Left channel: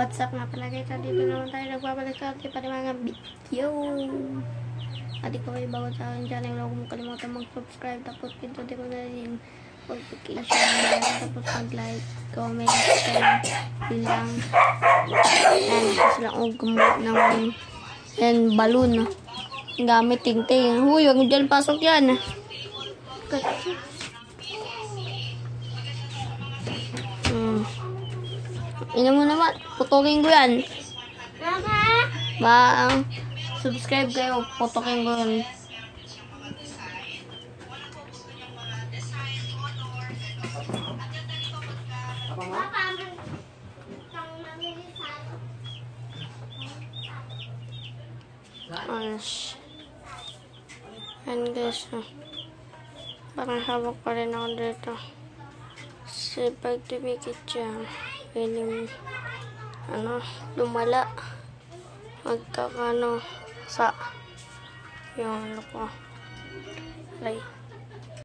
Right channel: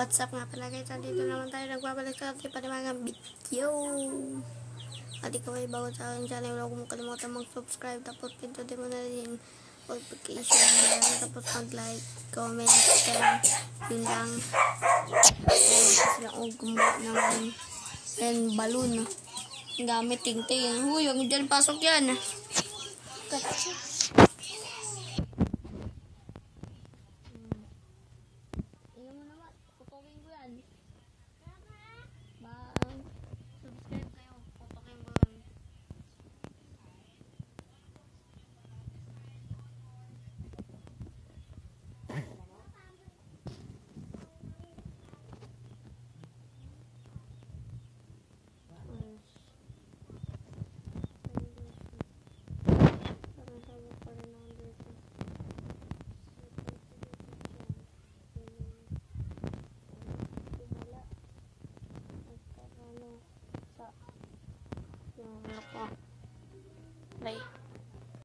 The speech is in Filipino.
What's up nga pala guys, dito naman tayo nagbabalik sa ating mga video. At ikaw ay bago sa aking channel, huwag mo kalimutan mag-subscribe, tapos pindutin mo na rin yung notification, tapos mag-like, comment, share, yun lang. And gusto lang akong gumawa ng balloon gamit tingting. Huy, huwag mo dyan pasok yan. Ina mo naman, putukin ko yan. Subscribe kayo, putukin ko yan. Yan guys, parang hawak pa rin ako dito. Kasi pag tumikit siya, piling lumala magkakano sa yung ano ko. Right.